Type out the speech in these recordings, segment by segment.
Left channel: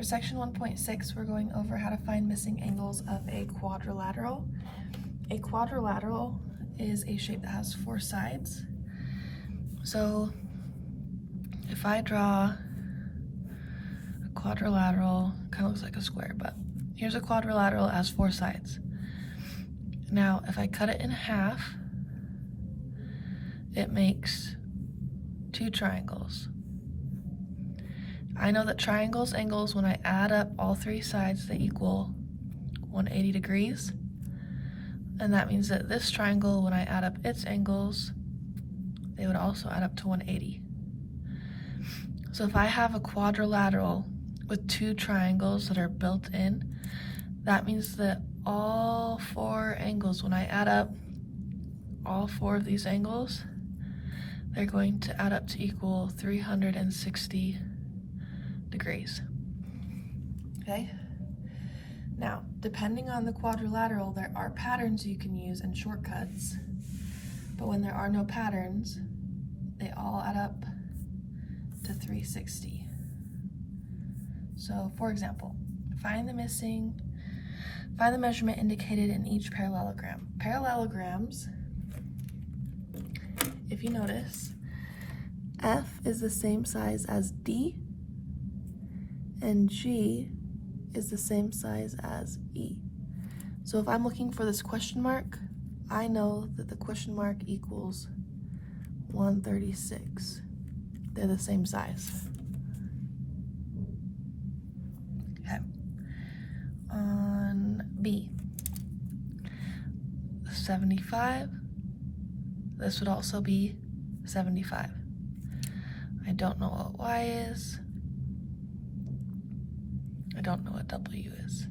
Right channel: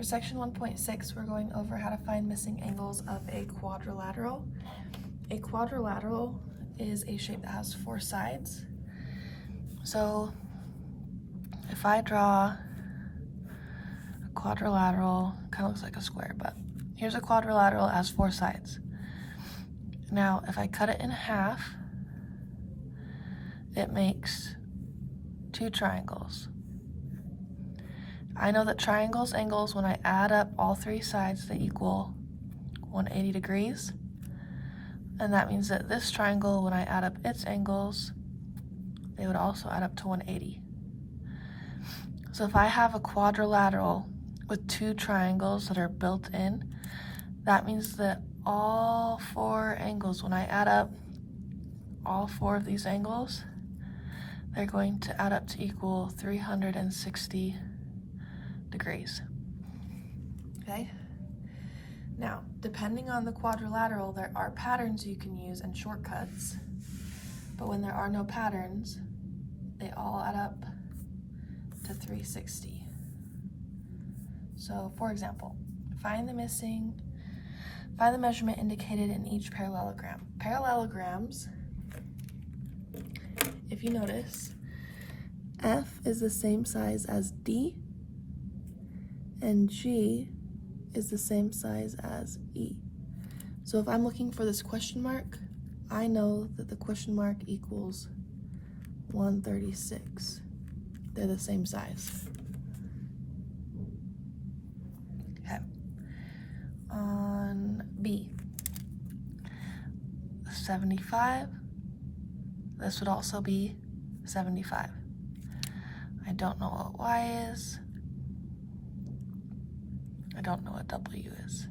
For section 1.6, we're going over how to find missing angles of a quadrilateral. A quadrilateral is a shape that has 4 sides. So if I draw a quadrilateral, kind of looks like a square, but here's a quadrilateral that has 4 sides. Now, if I cut it in half, it makes 2 triangles. I know that triangles' angles, when I add up all 3 sides, they equal 180 degrees. And that means that this triangle, when I add up its angles, they would also add up to 180. So if I have a quadrilateral with 2 triangles that are built in, that means that all 4 angles, when I add up all 4 of these angles, they're going to add up to equal 360 degrees. Okay? Now, depending on the quadrilateral, there are patterns you can use and shortcuts, but when there are no patterns, they all add up to 360. So, for example, find the measurement indicated in each parallelogram. Parallelograms, if you notice, F is the same size as D, and G is the same size as E. So if I'm looking for this question mark, I know that the question mark equals 136. They're the same size. Okay. On B, 75, this would also be 75. I don't know what Y is. I don't know what W is.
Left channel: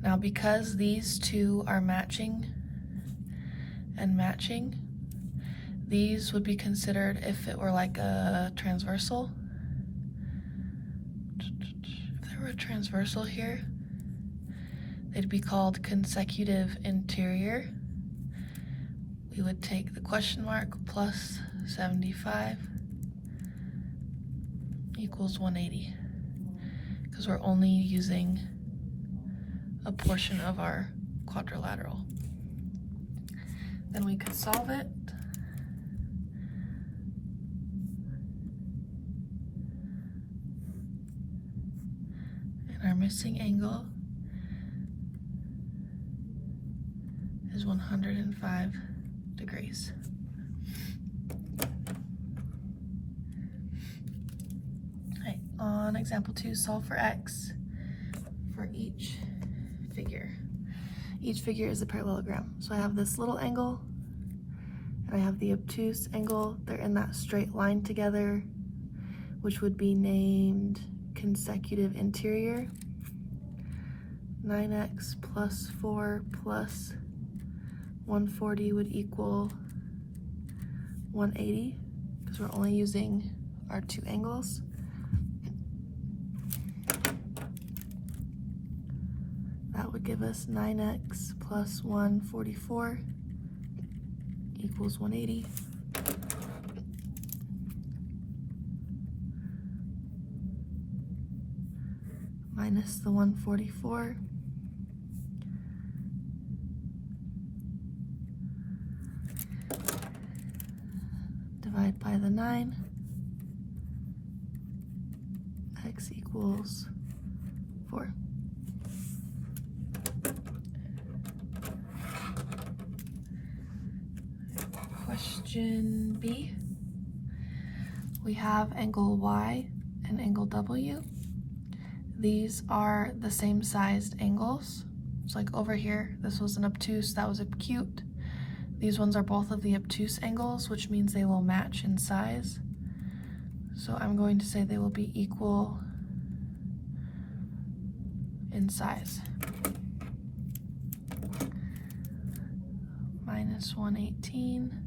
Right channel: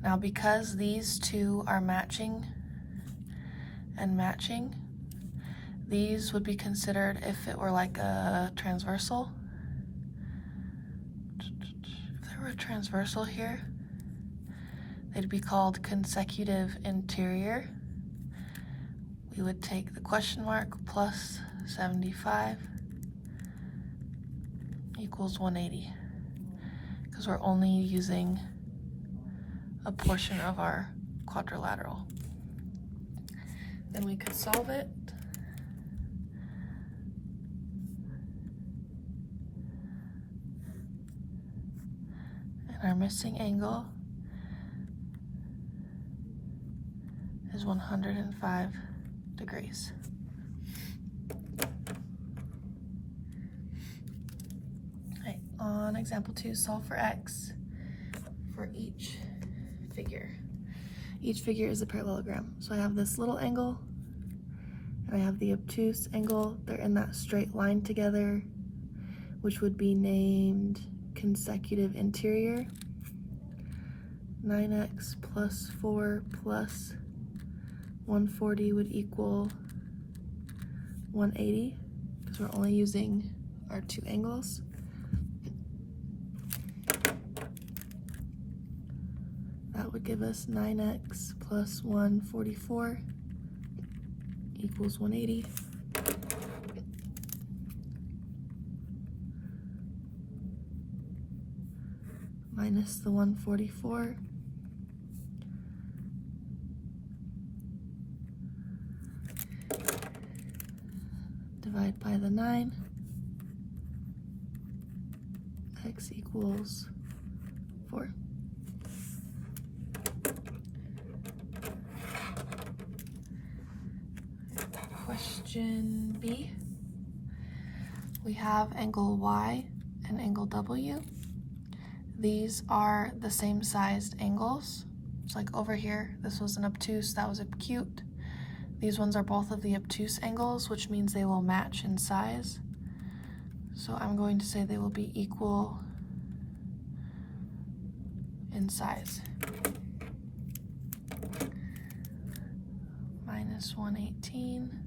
Now, because these two are matching and matching, these would be considered, if it were like a transversal, if there were a transversal here, they'd be called consecutive interior. We would take the question mark plus 75 equals 180, because we're only using a portion of our quadrilateral. Then we could solve it. And our missing angle is 105 degrees. Okay, on example 2, solve for x for each figure. Each figure is a parallelogram. So I have this little angle, and I have the obtuse angle. They're in that straight line together, which would be named consecutive interior. 9x plus 4 plus 140 would equal 180, because we're only using our 2 angles. That would give us 9x plus 144 equals 180. Minus the 144. Divide by the 9. X equals 4. Question B. We have angle Y and angle W. These are the same sized angles. It's like over here, this was an obtuse, that was acute. These ones are both of the obtuse angles, which means they will match in size. So I'm going to say they will be equal in size. Minus 118.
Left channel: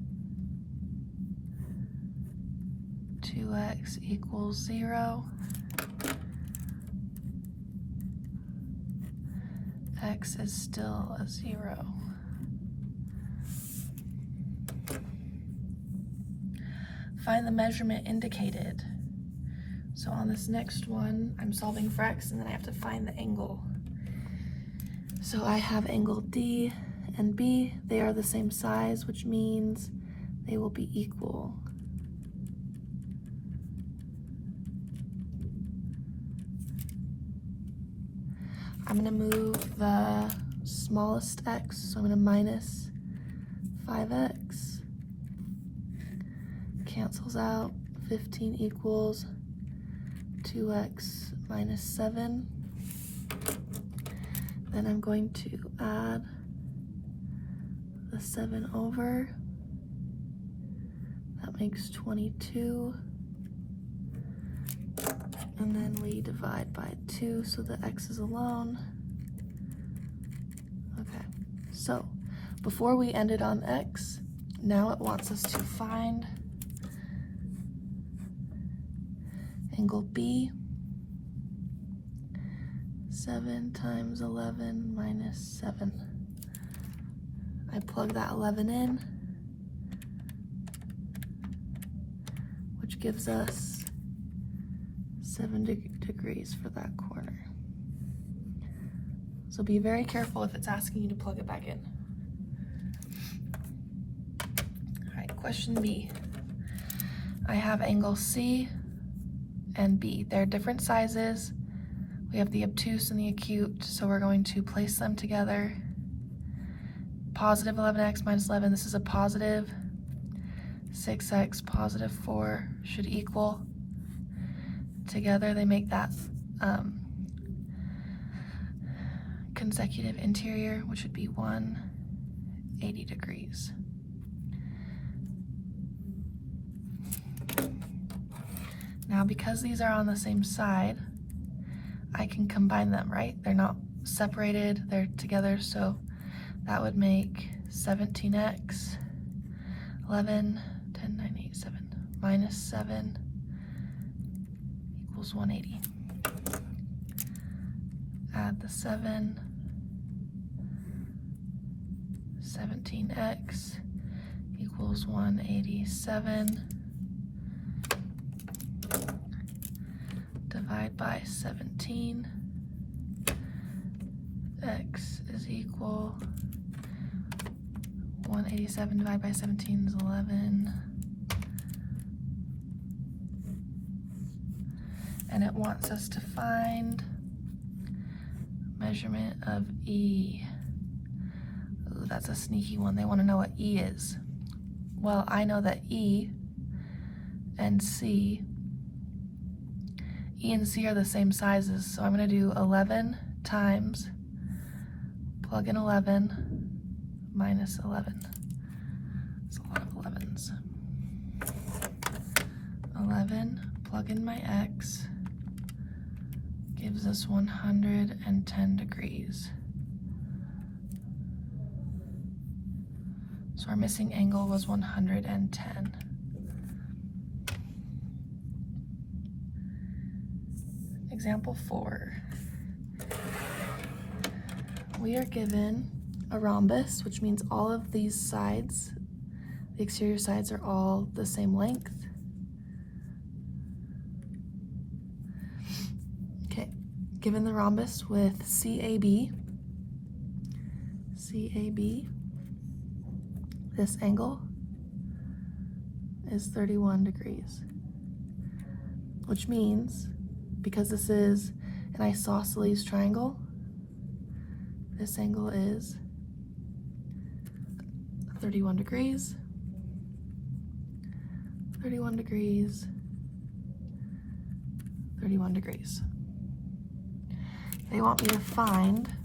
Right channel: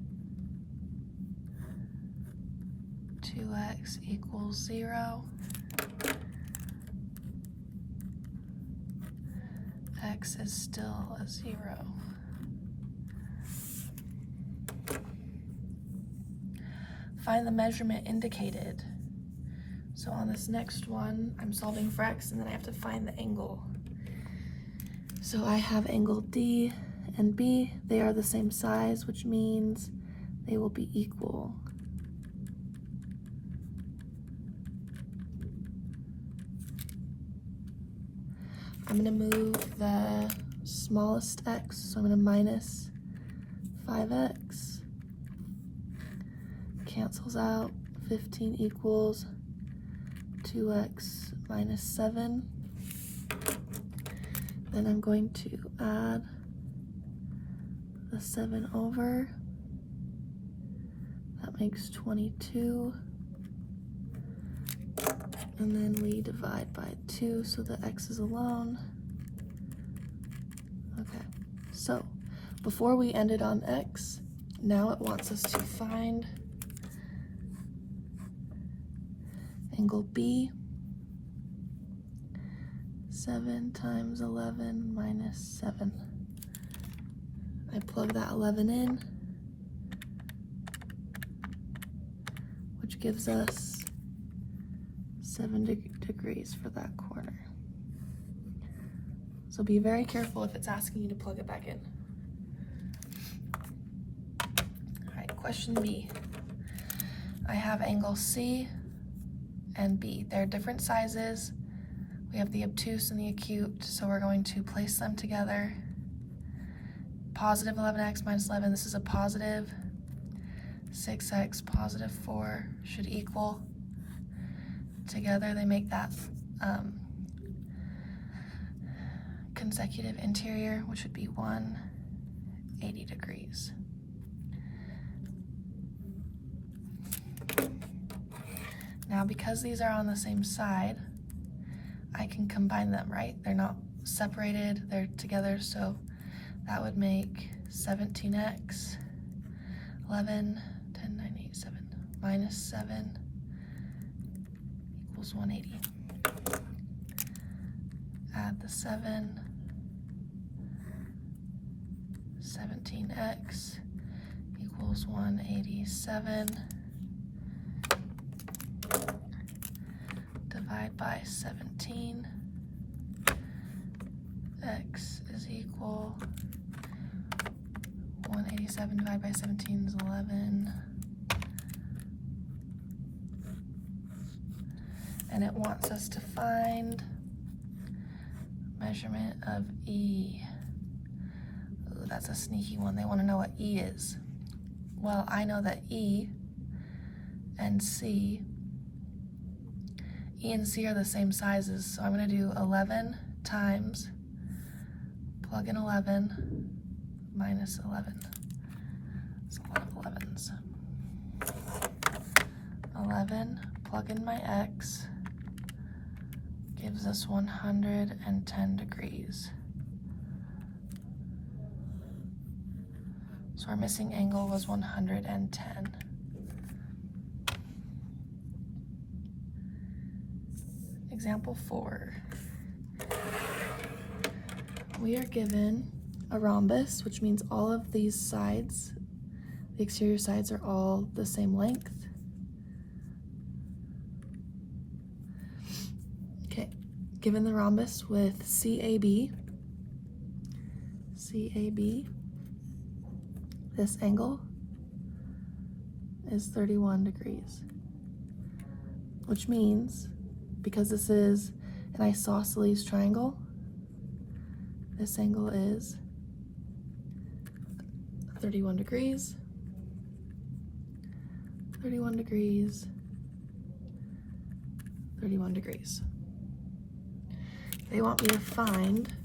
2x equals 0. X is still a 0. Find the measurement indicated. So on this next one, I'm solving for x and then I have to find the angle. So I have angle D and B. They are the same size, which means they will be equal. I'm gonna move the smallest x, so I'm gonna minus 5x. Cancels out. 15 equals 2x minus 7. Then I'm going to add the 7 over. That makes 22. And then we divide by 2 so the x is alone. Okay, so before we ended on x, now it wants us to find angle B. 7 times 11 minus 7. I plug that 11 in, which gives us 7 degrees for that corner. So be very careful if it's asking you to plug it back in. All right, question B. I have angle C and B. They're different sizes. We have the obtuse and the acute, so we're going to place them together. Positive 11x minus 11, this is a positive. 6x positive 4 should equal. Together they make that consecutive interior, which would be 180 degrees. Now, because these are on the same side, I can combine them, right? They're not separated, they're together, so that would make 17x, 11, 10, 9, 8, 7, minus 7 equals 180. Add the 7, 17x equals 187. Divide by 17. X is equal 187 divided by 17 is 11. And it wants us to find measurement of E. Ooh, that's a sneaky one. They want to know what E is. Well, I know that E and C are the same sizes, so I'm going to do 11 times, plug in 11, minus 11. That's a lot of 11s. 11, plug in my x, gives us 110 degrees. So our missing angle was 110. Example 4. We are given a rhombus, which means all of these sides, the exterior sides, are all the same length. Okay, given the rhombus with CAB, this angle is 31 degrees, which means, because this is an isosceles triangle, this angle is 31 degrees, 31 degrees, 31 degrees. They want me to find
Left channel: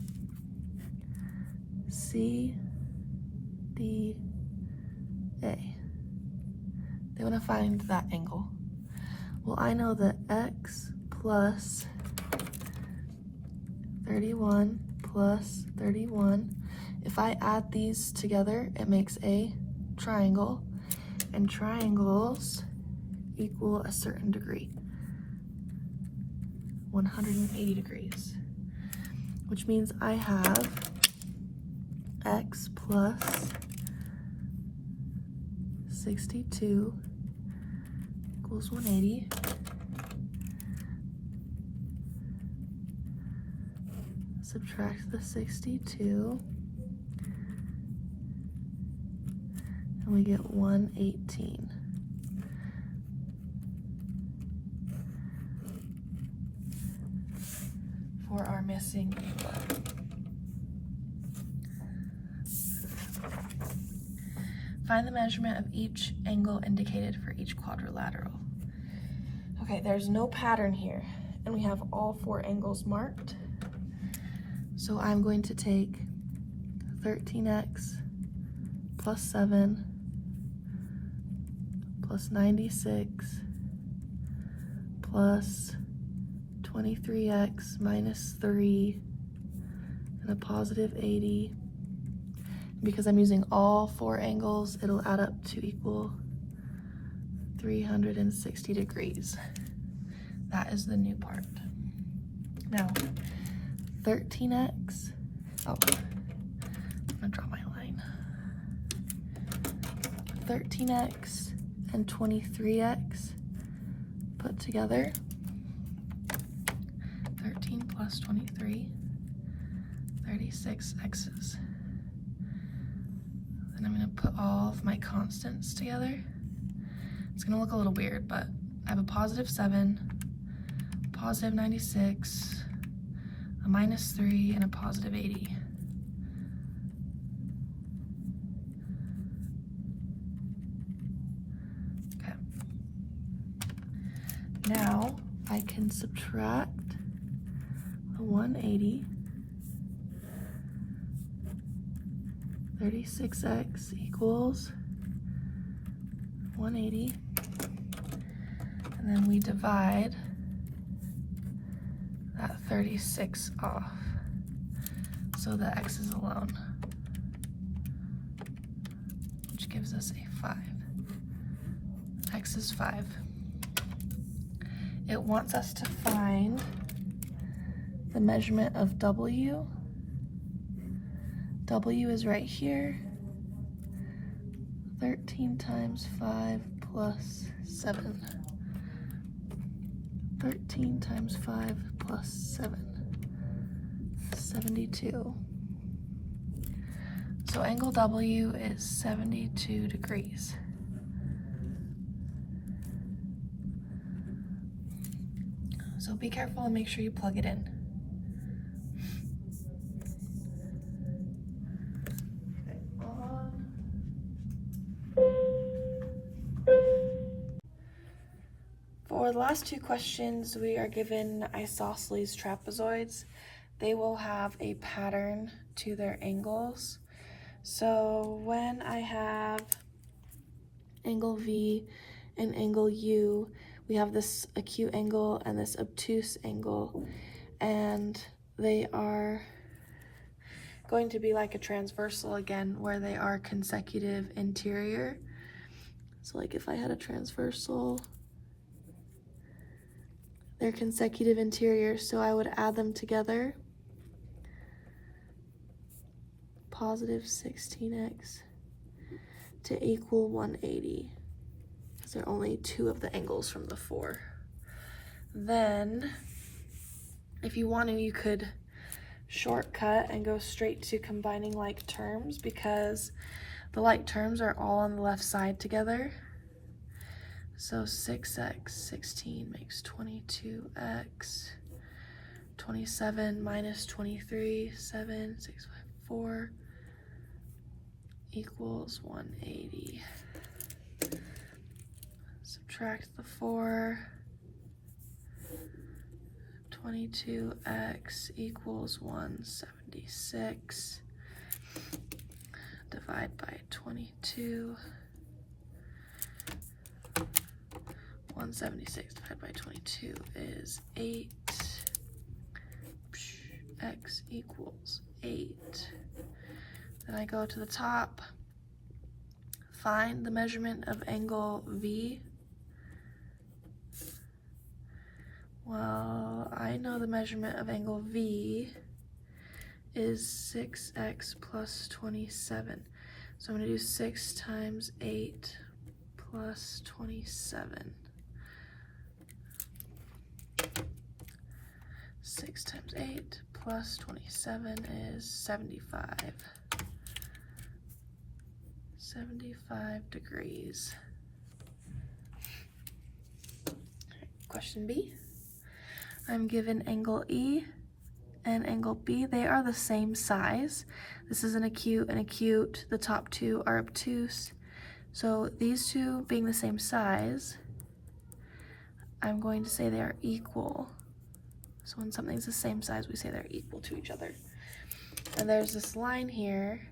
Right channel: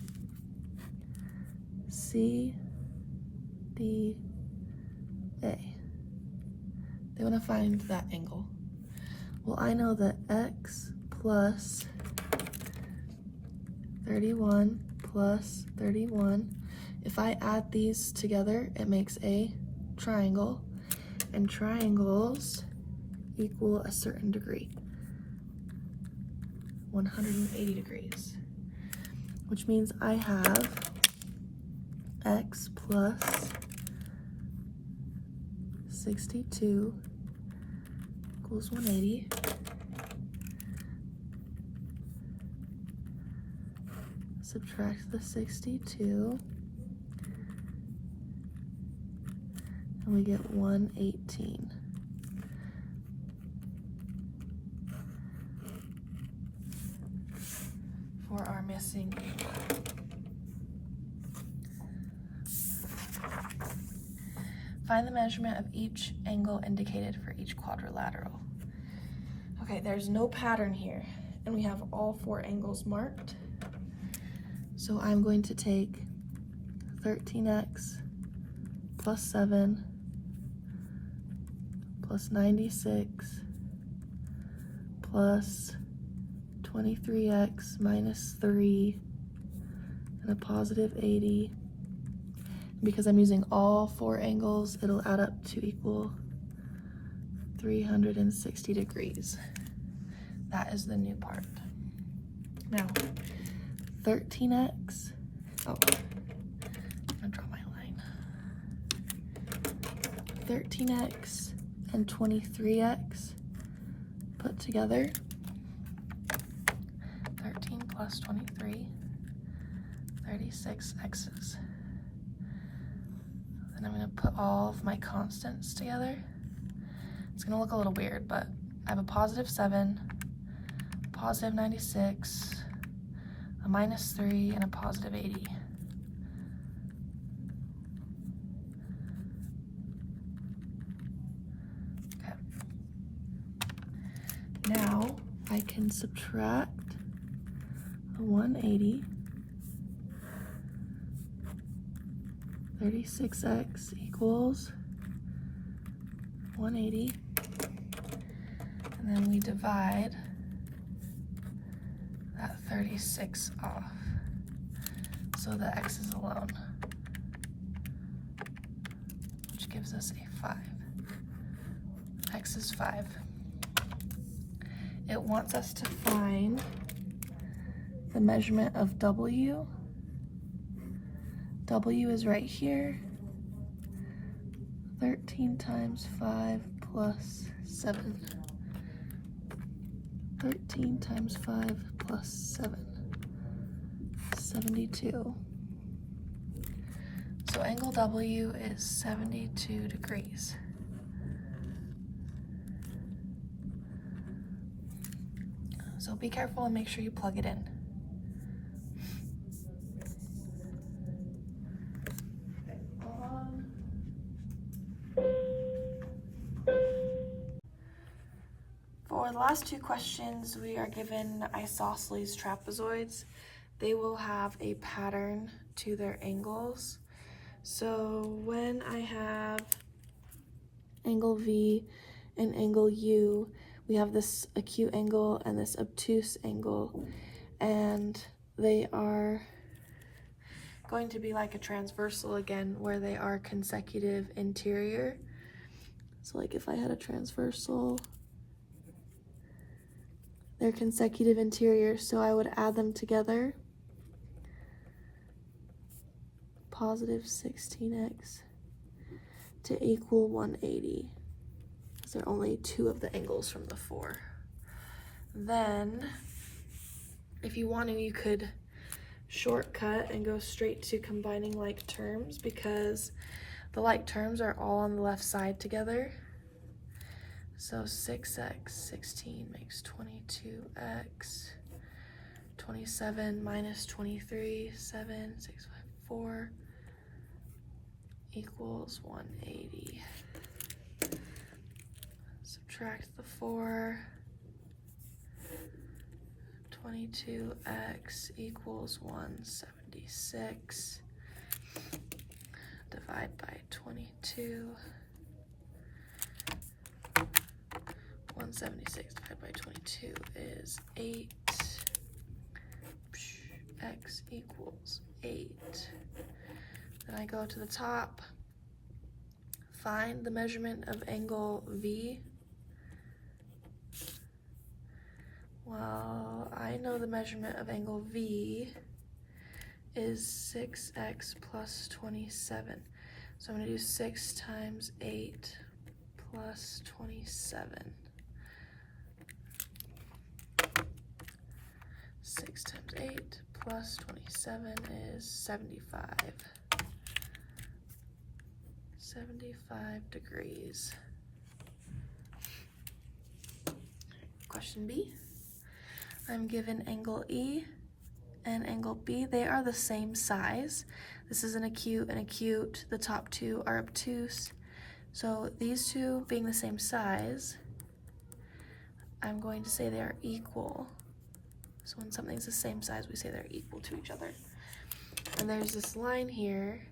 CDA. They want to find that angle. Well, I know that x plus 31 plus 31, if I add these together, it makes a triangle, and triangles equal a certain degree, 180 degrees, which means I have x plus 62 equals 180. Subtract the 62, and we get 118. For our missing angle. Find the measurement of each angle indicated for each quadrilateral. Okay, there's no pattern here, and we have all 4 angles marked. So I'm going to take 13x plus 7 plus 96 plus 23x minus 3 and a positive 80. Because I'm using all 4 angles, it'll add up to equal 360 degrees. That is the new part. Now, 13x, I'm gonna draw my line. 13x and 23x put together. 13 plus 23, 36 x's. And I'm gonna put all of my constants together. It's gonna look a little weird, but I have a positive 7, positive 96, a minus 3, and a positive 80. Okay. Now I can subtract 180, 36x equals 180, and then we divide that 36 off, so the x is alone, which gives us a 5. X is 5. It wants us to find the measurement of W. W is right here. 13 times 5 plus 7. 13 times 5 plus 7. 72. So angle W is 72 degrees. So be careful and make sure you plug it in. For the last 2 questions, we are given isosceles trapezoids. They will have a pattern to their angles. So when I have angle V and angle U, we have this acute angle and this obtuse angle, and they are going to be like a transversal again, where they are consecutive interior. So like if I had a transversal, they're consecutive interior, so I would add them together. Positive 16x to equal 180. There are only 2 of the angles from the 4. Then, if you want to, you could shortcut and go straight to combining like terms, because the like terms are all on the left side together. So 6x, 16 makes 22x, 27 minus 23, 7, 6, 5, 4 equals 180. Subtract the 4, 22x equals 176. Divide by 22. 176 divided by 22 is 8. X equals 8. Then I go to the top, find the measurement of angle V. Well, I know the measurement of angle V is 6x plus 27. So I'm going to do 6 times 8 plus 27. 6 times 8 plus 27 is 75. 75 degrees. Question B. I'm given angle E and angle B. They are the same size. This is an acute and acute. The top two are obtuse. So these two being the same size, I'm going to say they are equal. So when something's the same size, we say they're equal to each other. And there's this line here,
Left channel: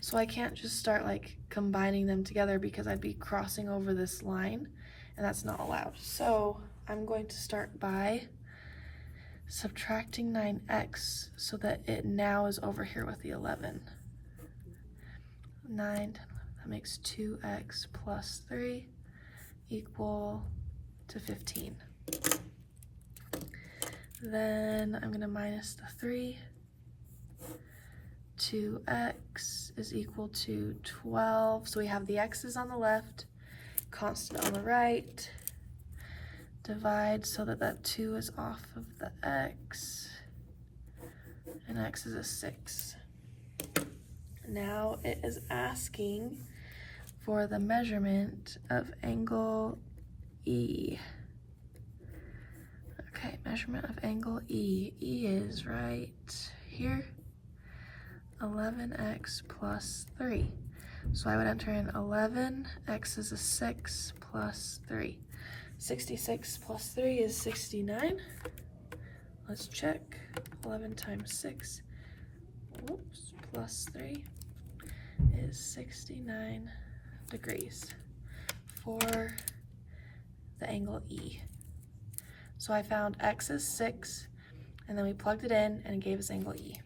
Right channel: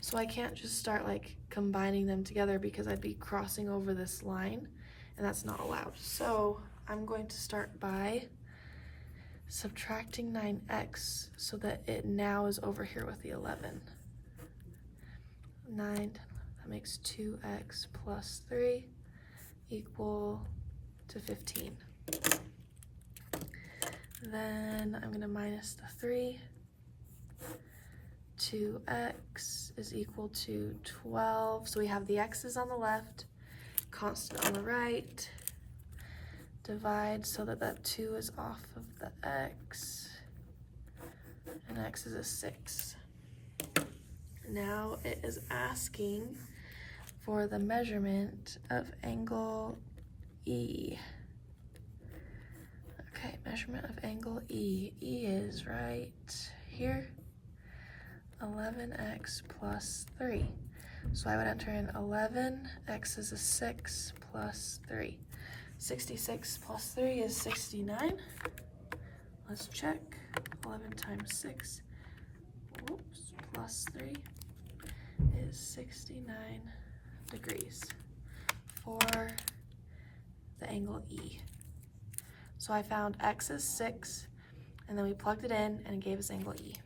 so I can't just start like combining them together because I'd be crossing over this line, and that's not allowed. So I'm going to start by subtracting 9x so that it now is over here with the 11. 9, that makes 2x plus 3 equal to 15. Then I'm gonna minus the 3. 2x is equal to 12. So we have the x's on the left, constant on the right. Divide so that that 2 is off of the x, and x is a 6. Now it is asking for the measurement of angle E. Okay, measurement of angle E. E is right here, 11x plus 3. So I would enter in 11, x is a 6, plus 3. 66 plus 3 is 69. Let's check. 11 times 6, whoops, plus 3 is 69 degrees for the angle E. So I found x is 6, and then we plugged it in and it gave us angle E.